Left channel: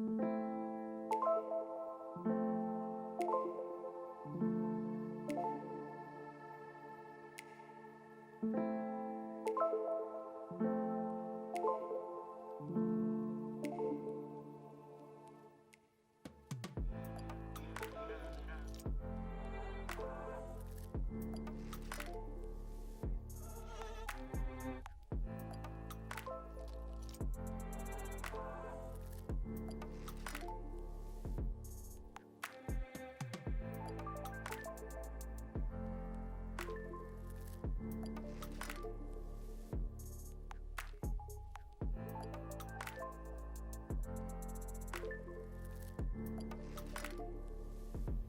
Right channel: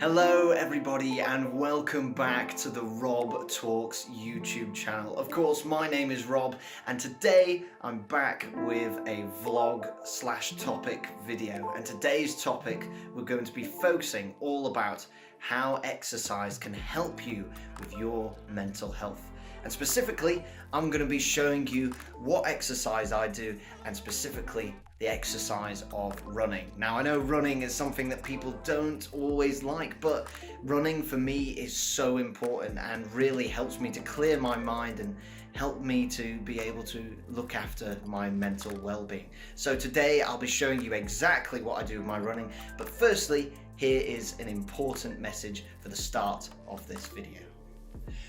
Hello everybody and welcome back to the Rob Talks YouTube channel. Of course, my name is Rob and today I'm back with a vlog slash topic video, and today's topic we're going to be focusing all about how exercise can help you with your mental health. And specifically, I'm going to be showing you what exercise I do, and specifically the exercise of running. Now, I know running is something that people don't always like, but running for me is so important and really helps me to clear my mind and help me to be able to look after my mental well-being. So today I'll be showing you exactly what I do with my running, but firstly, here is an important message for the start of this video.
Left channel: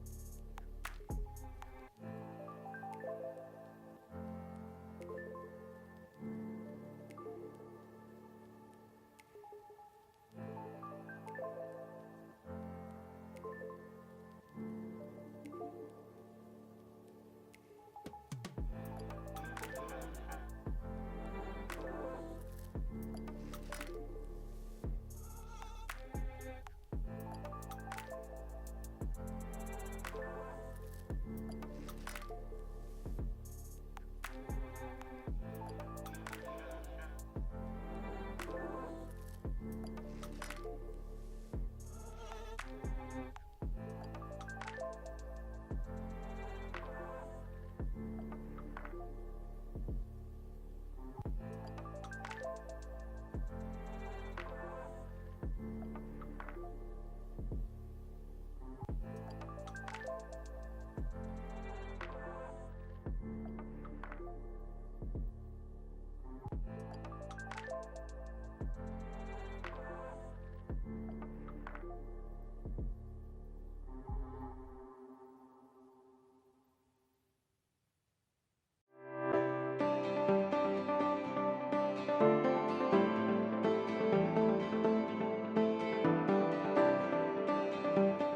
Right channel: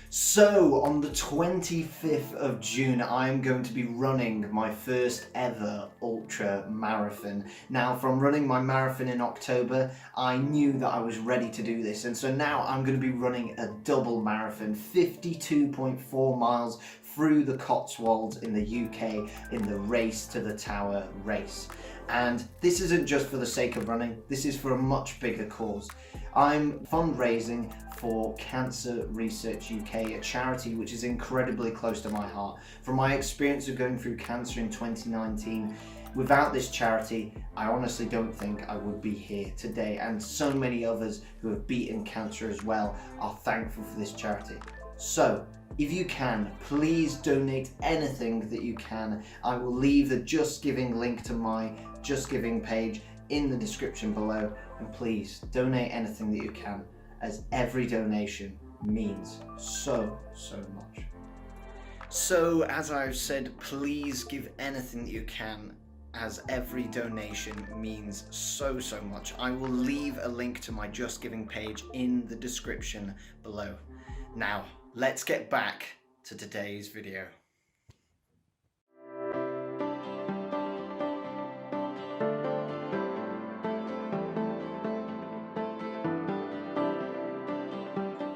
So on the 25th of June, I'm going to be running my first ever ultra marathon. Now, from running my marathon in October, I knew that I was ready to do this. And so now I'm going to be running a double marathon, 52.4 miles through the Cotswolds in the UK in the Race to the Tower race. And this isn't just for the sake of running, this is for a much bigger cause. I'm fundraising for Cancer Research UK, a charity which is incredibly close to my heart. From my experience of going through cancer in 2019, without this charity, I honestly don't think I would be here today, and so many others who have beaten cancer as well are thankful for this charity. So, if you can, please donate anything that you can. I will leave the Just Giving link to my Just Giving page in the description below, and please donate anything that you can, as every donation means so much. So, as I've said, please give anything that you can, as every donation means so much. I will leave a link to my Just Giving page in the description below. Now, let's get back to today's video.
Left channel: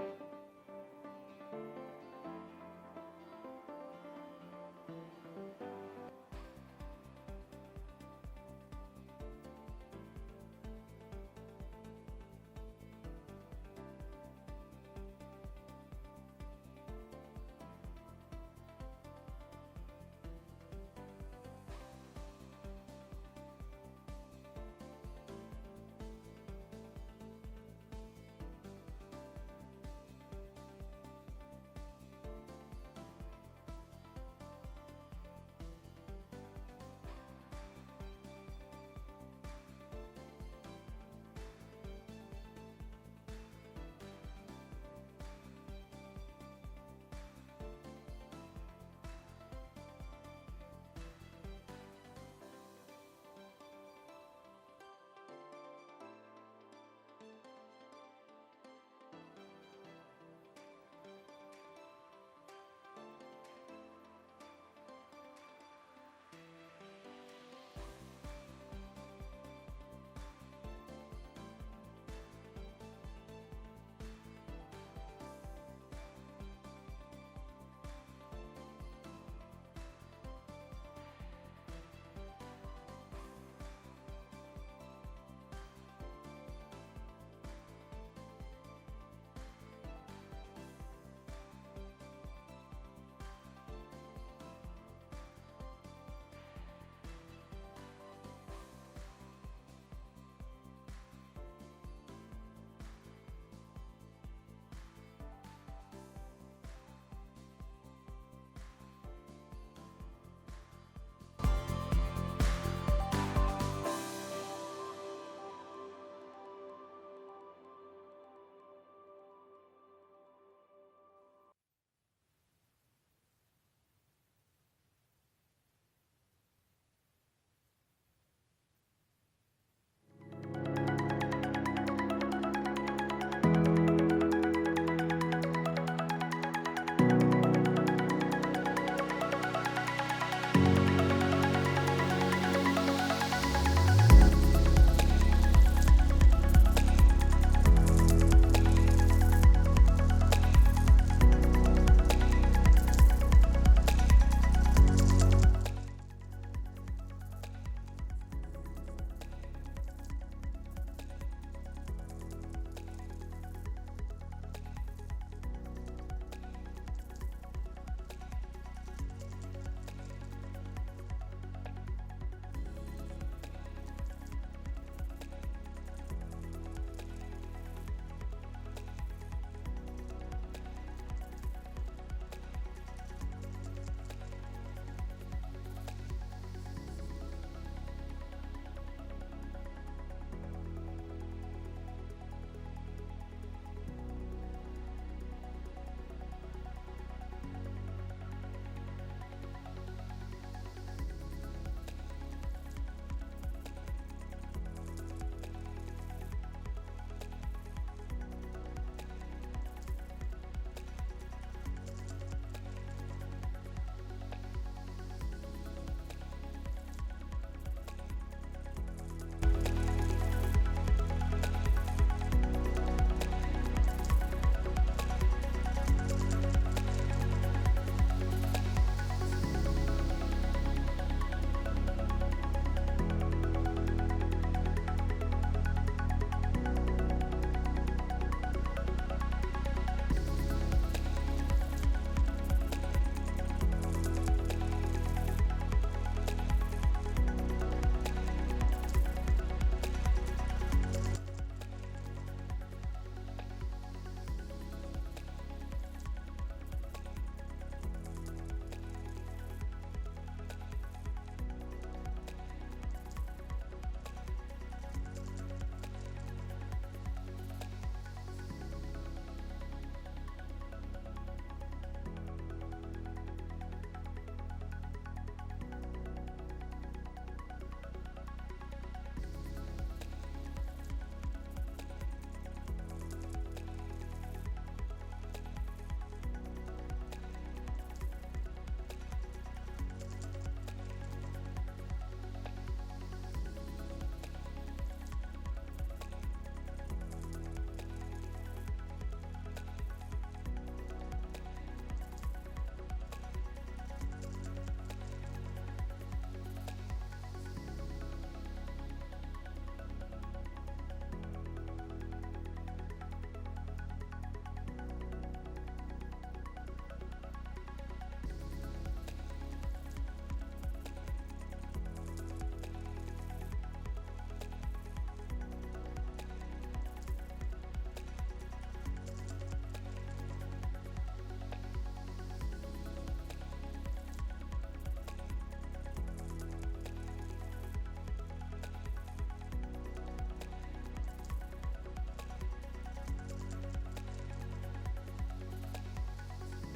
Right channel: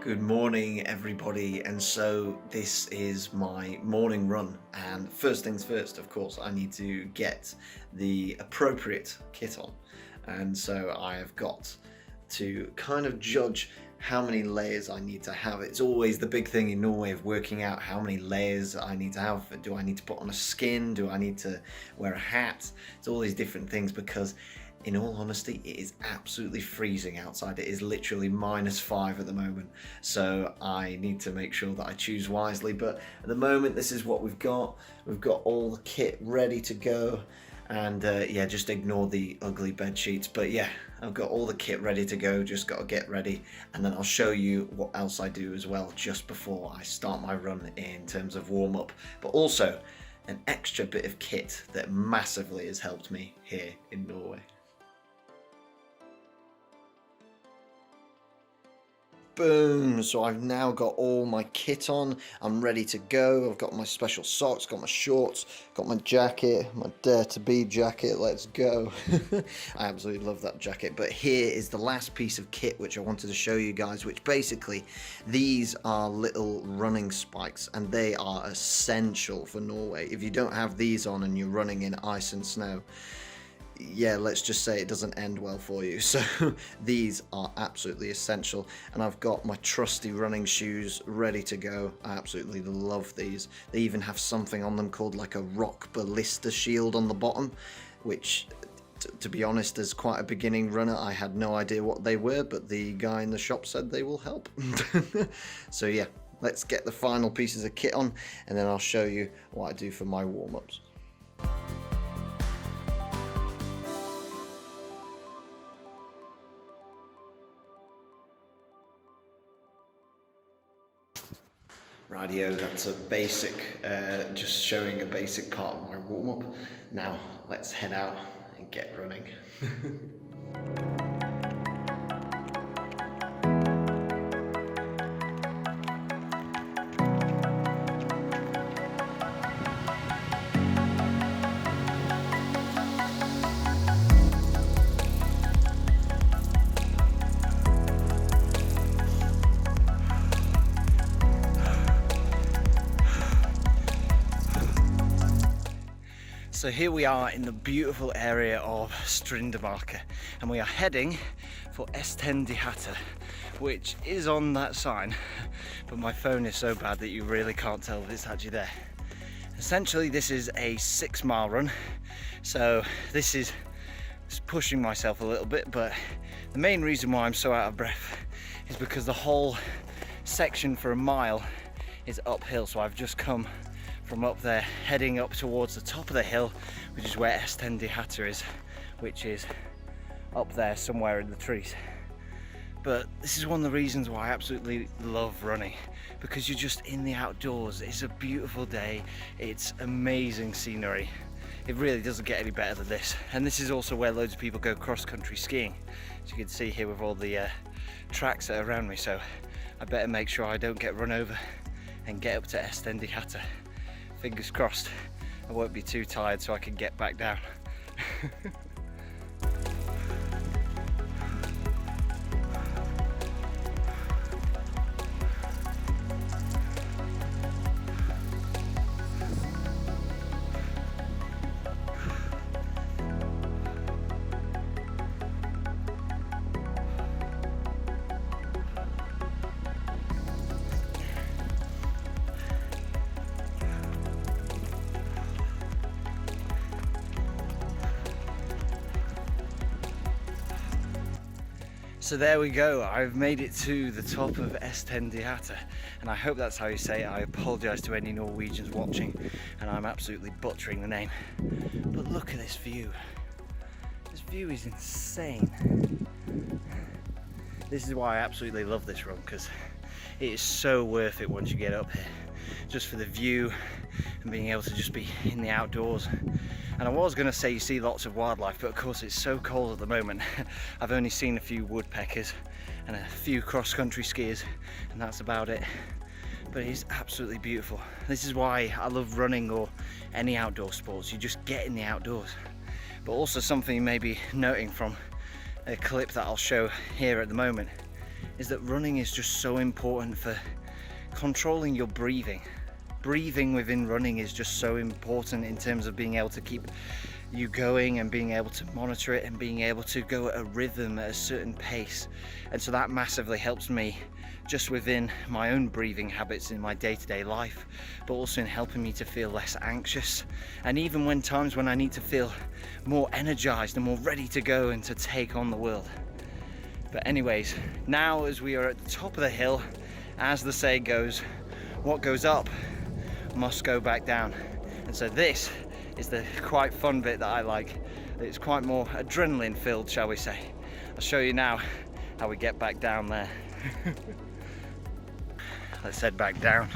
Good morning everybody, and so this is my morning run, and first things first, of course, I need to get the appropriate kit on, and so I have got to kind of judge how many layers I need to have. It's always the big thing in Norway of working out how many layers I need to have. Do I need to put on a skin? Do I need to wear a hat? It's all these different things, because in all honesty, it is absolutely freezing outside. It is literally -5 at the moment. So I need to make sure that I choose wisely. But at the moment, this is what we've got. We've got all the kit ready to go. And yeah, just ignore the ugly bed sheets. But yeah, I've got all the kit ready to go, just got to get ready. And then I'll show you what else I do as well just before I start my run in terms of warm up. But also an extra bit of kit that massively has helped me here in Norway. Boom, so I've now got all my kit on, I'm ready to go. I've got my special socks, got my shorts, got my jacket, my Dare to Be jacket, let's go. I absolutely love that jacket. But here is the last piece of kit which I wanted to show you guys, which basically, these are little running spikes, and they are essential for Norway. If you don't have these on and you're running in ice and snow, yeah, let's just say it doesn't end well for you. So these are absolutely essential, and I've got my trusty running shoes ready to go. I absolutely love these. They even have something on them called like a rock ballista shield on the bottom, which to be honest, as quite a beginning runner, I had no idea what they were, but the guy in the shop said they will help. So yeah, let's get the final pieces of kit on, and then I'll show you what I do for my warm-ups. Radio, that's a basic, just showing a basic part of my warm-up. Now, let's head out and get running. So here we are in the beautiful area of Strindemarke, and we are heading for Estendihatter, which is on that sign, but my phone is so bad that you really can't tell that it's actually there. Essentially, this is a 6-mile run, so this is pushing myself a little bit, but the main reason why I'm so out of breath is because the whole section for a mile is uphill. So I've just come from up there heading up towards the top of the hill, which is where Estendiata is, which is up there somewhere in the trees. But this is one of the reasons why I absolutely love running, because you're just in the outdoors. It's a beautiful day, it's amazing scenery. It really doesn't get any better than this. And this is also where loads of people go cross-country skiing, as you can see here with all the tracks that are around me. So I better make sure I don't get run over and get up to Estendiata. Fingers crossed I won't be too tired so I can get back down. So there we go, I've made it to the top of Estendiata, and I hope that's how you say it. I apologise to any Norwegians watching, and I'm absolutely butchering the name. But look at this view. This view is insane. This is why I absolutely love this run, because it is so worth it once you get up here. Just for the view and being able to just be in the outdoors. And I was going to say you see lots of wildlife, but of course it's so cold at the moment. I've only seen a few woodpeckers and a few cross-country skiers, and that's about it. But it's absolutely beautiful. This is why I love running or any outdoor sports. You just get in the outdoors. But also something you may be noting from a clip that I'll show here at the moment is that running is just so important for controlling your breathing. Breathing within running is just so important in terms of being able to keep you going and being able to monitor it and being able to go at a rhythm at a certain pace. And so that massively helps me just within my own breathing habits in my day-to-day life, but also in helping me to feel less anxious, and even when times when I need to feel more energized and more ready to go and to take on the world. But anyways, now as we are at the top of the hill, as the saying goes, what goes up must go back down. And so this is the quite fun bit that I like. It's quite more adrenaline filled, shall we say. I'll show you now how we get back down there. Let's head back down.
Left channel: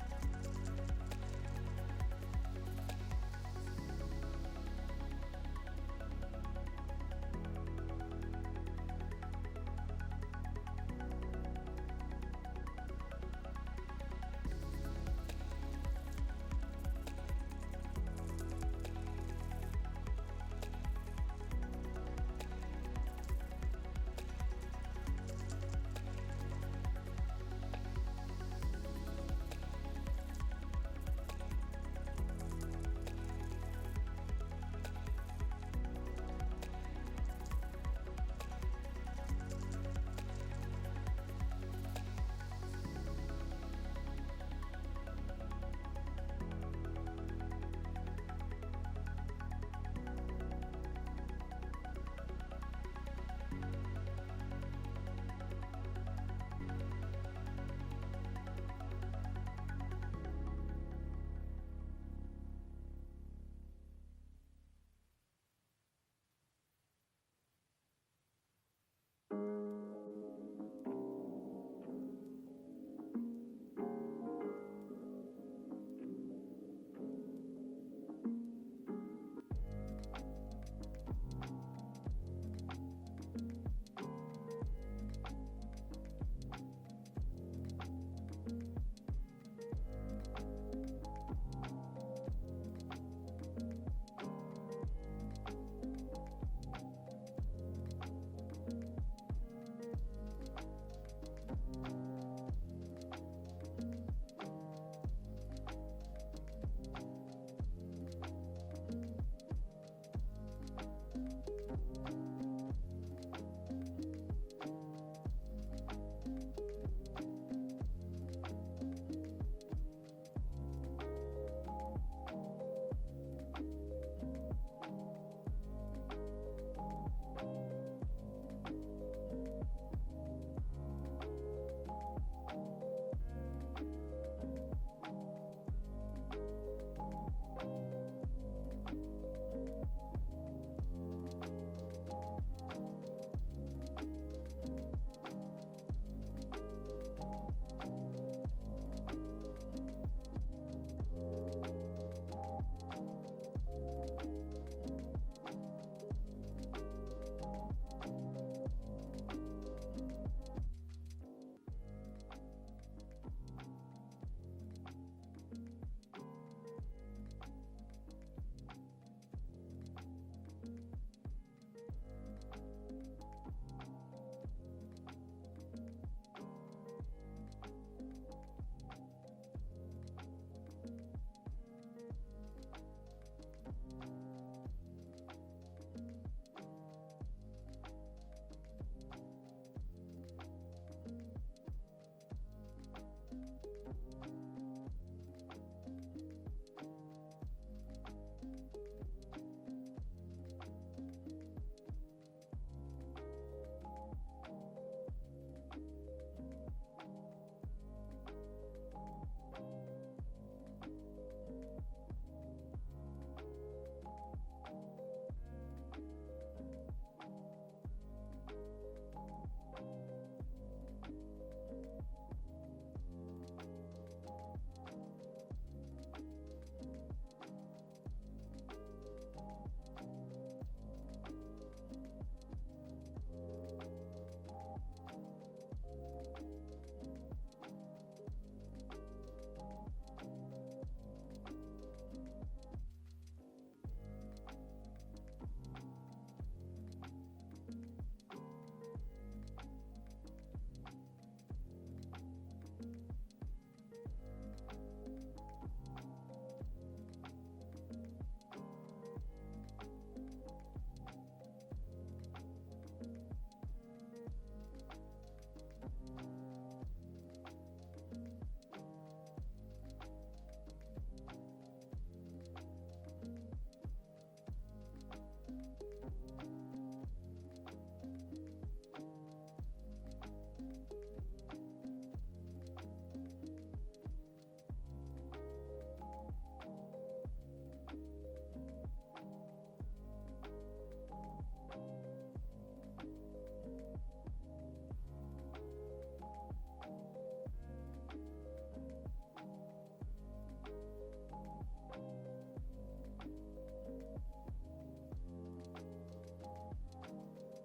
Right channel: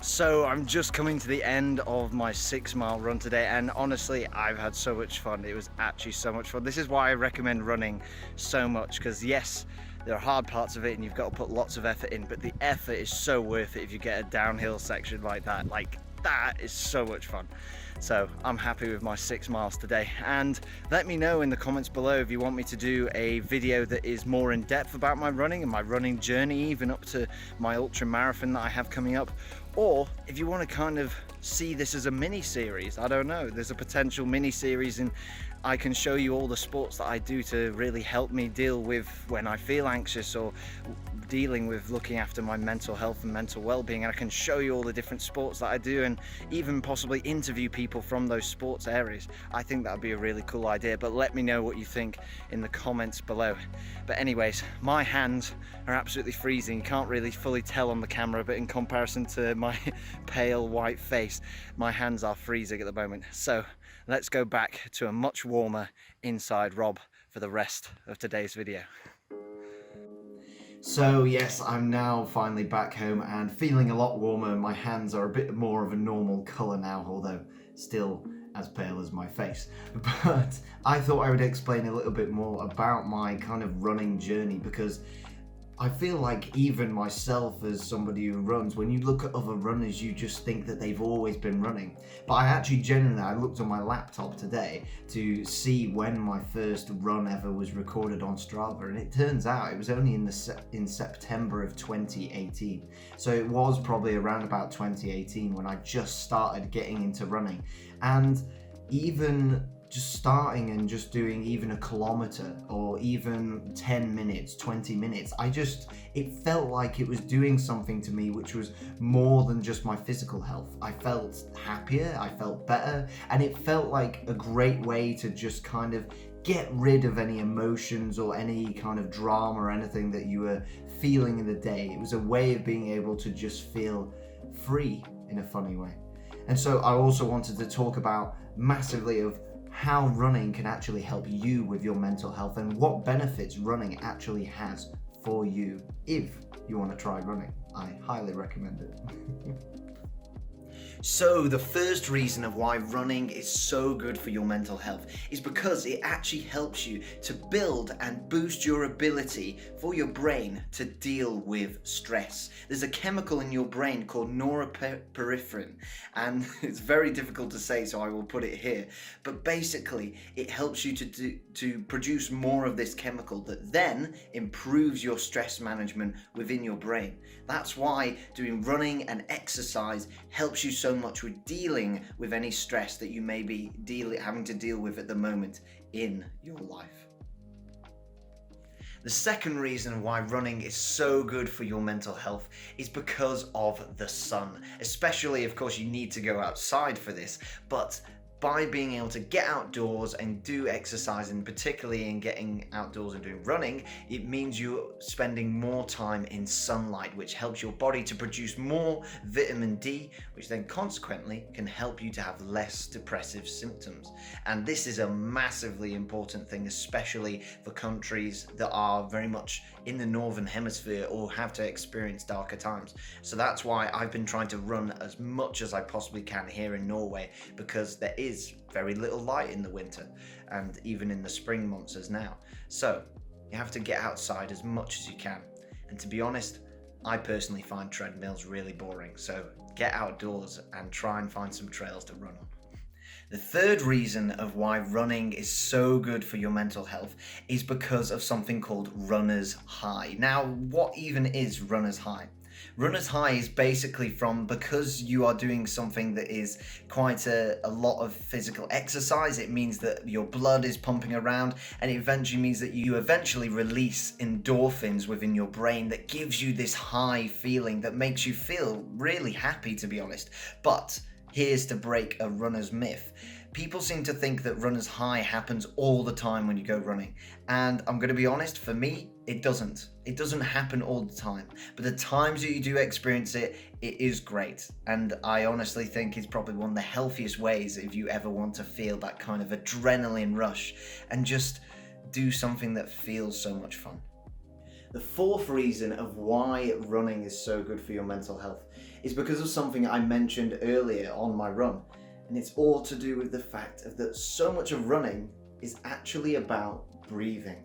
So I'm just coming to the end of my 6-mile run today, and honestly I've had so much fun. It was actually so much fun. This is why I recommend running so much, because yes, there are hard parts of it and you've got to put lots of effort in, but the effort is so worth it if you get a downhill section like that. Like, that is so much fun. So I'm happy with my 6 miles today, and let me know in the comments below if you want me to do a video that is more in depth about my running and my running journey, even up to my ultra marathon that I have coming up, or if you want to kind of see this as a mini series. I don't know, there's a potential mini series, and I can show you all the sports that I do to really help me deal with when I feel anxious or dealing with looking after my mental health and mental well-being. And I can show you all the different sports that I do, and even possibly interview people from those sports areas. I think that would be a really cool idea, but let me know what you think in the comments below. But anyways, my hands are absolutely freezing. You can't really fully tell on the camera, but in comparison to my pale white face, my hands are freezing at the moment. So let's go back to a much warmer inside Rob for the rest of today's video. So yes, I'm now finally back home and feeling a lot warmer. My hands are a bit more of a normal colour now, although still as pale as my face. But I thought I would explain a little bit more about my kind of running journey, because I feel like even myself, as somebody who runs, when you look at other runners, you just think that they've always been running. But I looked on my laptop today to see when my first run ever was recorded on Strava, and it turns out it was only in September of 2018. So it was probably around about 2018 when I just started getting into running. And even just starting and just doing even a kilometer or even 10 minutes, 20 minutes, it felt like it was doing something to me which was more than just my physical health. I felt happier, I felt better, and it felt like a great way to just kind of get rid of any emotions or any kind of drama or anything that you were feeling in the day. It was a way of being able to just feel free in a funny way. And so I also wanted to talk about massively of how running can actually help you with your mental health and what benefits running actually has for you if you want to try running. I highly recommend it. So the first reason of why running is so good for your mental health is because it actually helps you to build and boost your ability for your brain to deal with stress. There's a chemical in your brain called norepinephrine, and it's very difficult to say, so I will put it here. But basically, it helps you to produce more of this chemical that then improves your stress management within your brain. That's why doing running and exercise helps you so much with dealing with any stress that you may be having to deal with at the moment in your life. The second reason why running is so good for your mental health is because of the sun. Especially, of course, you need to go outside for this, but by being able to get outdoors and do exercise, and particularly in getting outdoors and doing running, it means you're spending more time in sunlight, which helps your body to produce more vitamin D, which then consequently can help you to have less depressive symptoms. And this is a massively important thing, especially for countries that are very much in the northern hemisphere or have to experience darker times. So that's why I've been trying to run as much as I possibly can here in Norway, because there is very little light in the winter and even in the spring months as now. So you have to get outside as much as you can. And to be honest, I personally find treadmills really boring. So get outdoors and try and find some trails to run on. The third reason of why running is so good for your mental health is because of something called runner's high. Now, what even is runner's high? Runner's high is basically because you are doing something that is quite a lot of physical exercise. It means that your blood is pumping around, and it eventually means that you eventually release endorphins within your brain that gives you this high feeling that makes you feel really happy, to be honest. But here's to break a runner's myth. People seem to think that runner's high happens all the time when you go running. And I'm going to be honest, for me, it doesn't. It doesn't happen all the time. But the times that you do experience it, it is great. And I honestly think it's probably one of the healthiest ways if you ever want to feel that kind of adrenaline rush and just do something that feels so much fun. The fourth reason of why running is so good for your mental health is because of something I mentioned earlier on my run. And it's all to do with the fact that so much of running is actually about breathing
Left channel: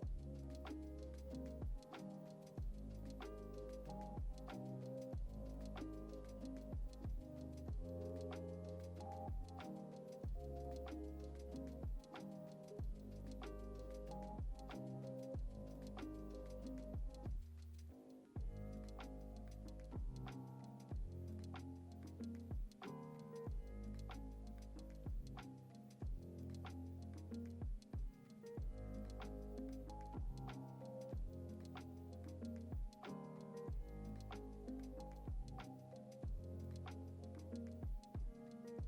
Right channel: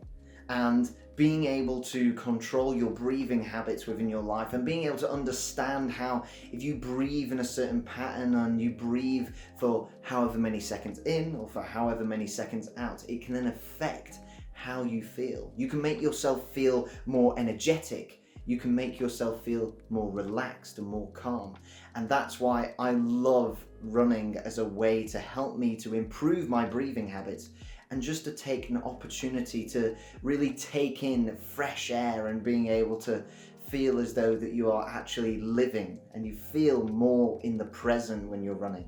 and being able to control your breathing habits within your life, and being able to understand how if you breathe in a certain pattern and you breathe for however many seconds in or for however many seconds out, it can then affect how you feel. You can make yourself feel more energetic. You can make yourself feel more relaxed and more calm. And that's why I love running as a way to help me to improve my breathing habits, and just to take an opportunity to really take in fresh air and being able to feel as though that you are actually living, and you feel more in the present when you're running.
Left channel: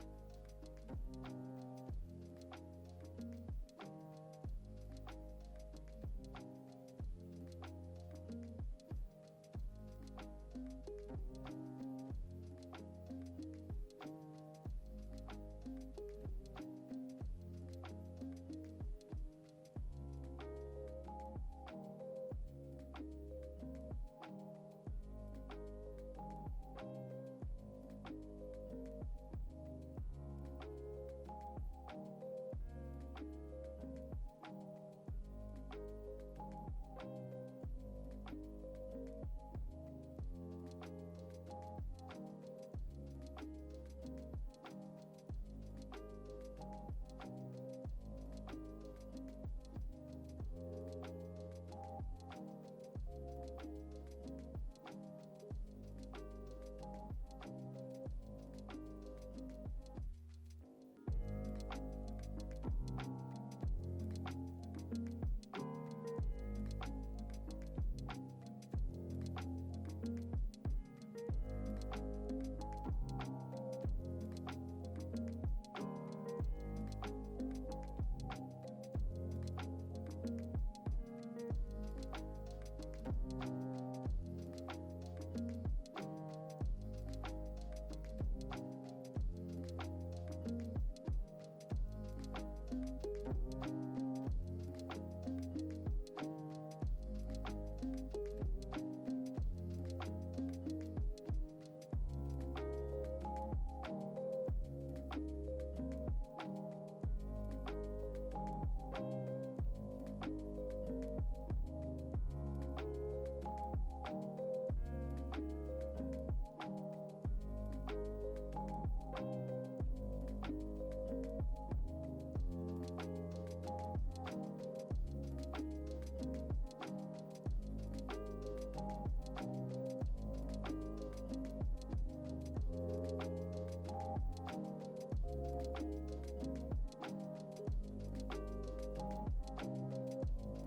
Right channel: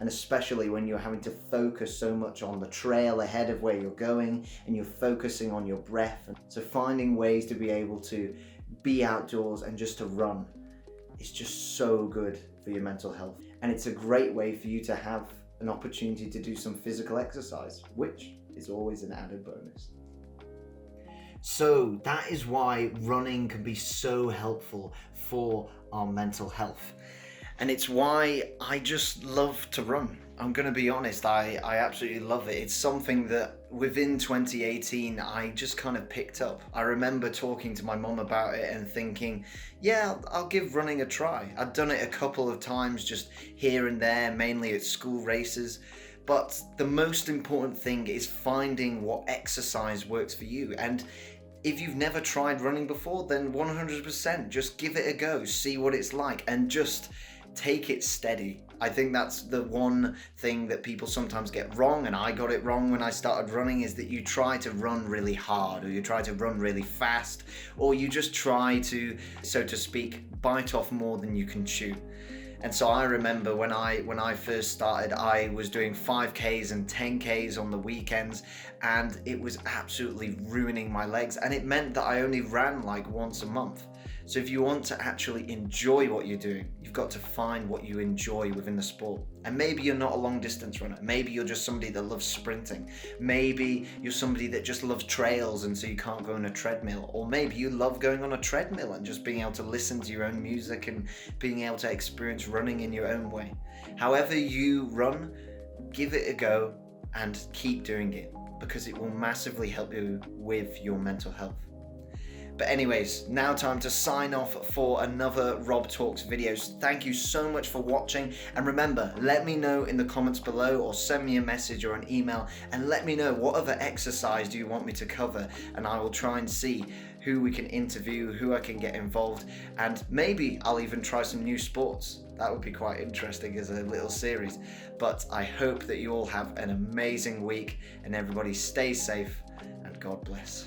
And especially when you're having to focus so much on the trail ahead of where you're going, and you're focusing on your breath. So finding ways to be able to be outdoors and just to run is just so good for your mental health. And it's a great way for you to have an opportunity to do some physical exercise, which is always an added bonus. So that is why running can be so helpful for our mental health. And it's why I just love to run. I'm going to be honest, I absolutely love it. It's something that within 2018 I just kind of picked up. I remember talking to my mum about it and thinking, yeah, I'll give running a try. I'd done it a couple of times just here and there, mainly at school races. But the most important thing is finding what exercise works for you. And if you've never tried running before, then 100% just give it a go, see what it's like, and just take it steady. I think that's the one thing that people sometimes get wrong, and I got it wrong when I started running, is that you try to run really hard, or you try to run really fast, or you just try to, so to speak, bite off more than you can chew. And so I remember when I first started, I was doing 5Ks and 10Ks on the weekends, and it was absolutely ruining my legs, and it meant that I only ran like once a month. So if you want to actually enjoy what you're doing, you've got to find what you enjoy within the sport. And maybe you're not a long distance runner. Maybe you're just somebody that loves sprinting. Maybe you're somebody that just loves trails and so you can't go on a treadmill. Or maybe you love going on a treadmill and just being able to listen to your own music and being able to experience running in your own way. However you run, give it a go and keep doing it, because it will massively help you with your mental health. But anyways, now time to sign off for another Rob Talks videos. Thank you so much for watching, and remember, let me know in the comments below or send me a message or an email and let me know what other exercise do you want me to cover, and I will try and see who we can interview, who I can get involved, and maybe I'll even try some new sports. That would be quite interesting as a little series. But I hope that you all have an amazing week and everybody stay safe and God bless.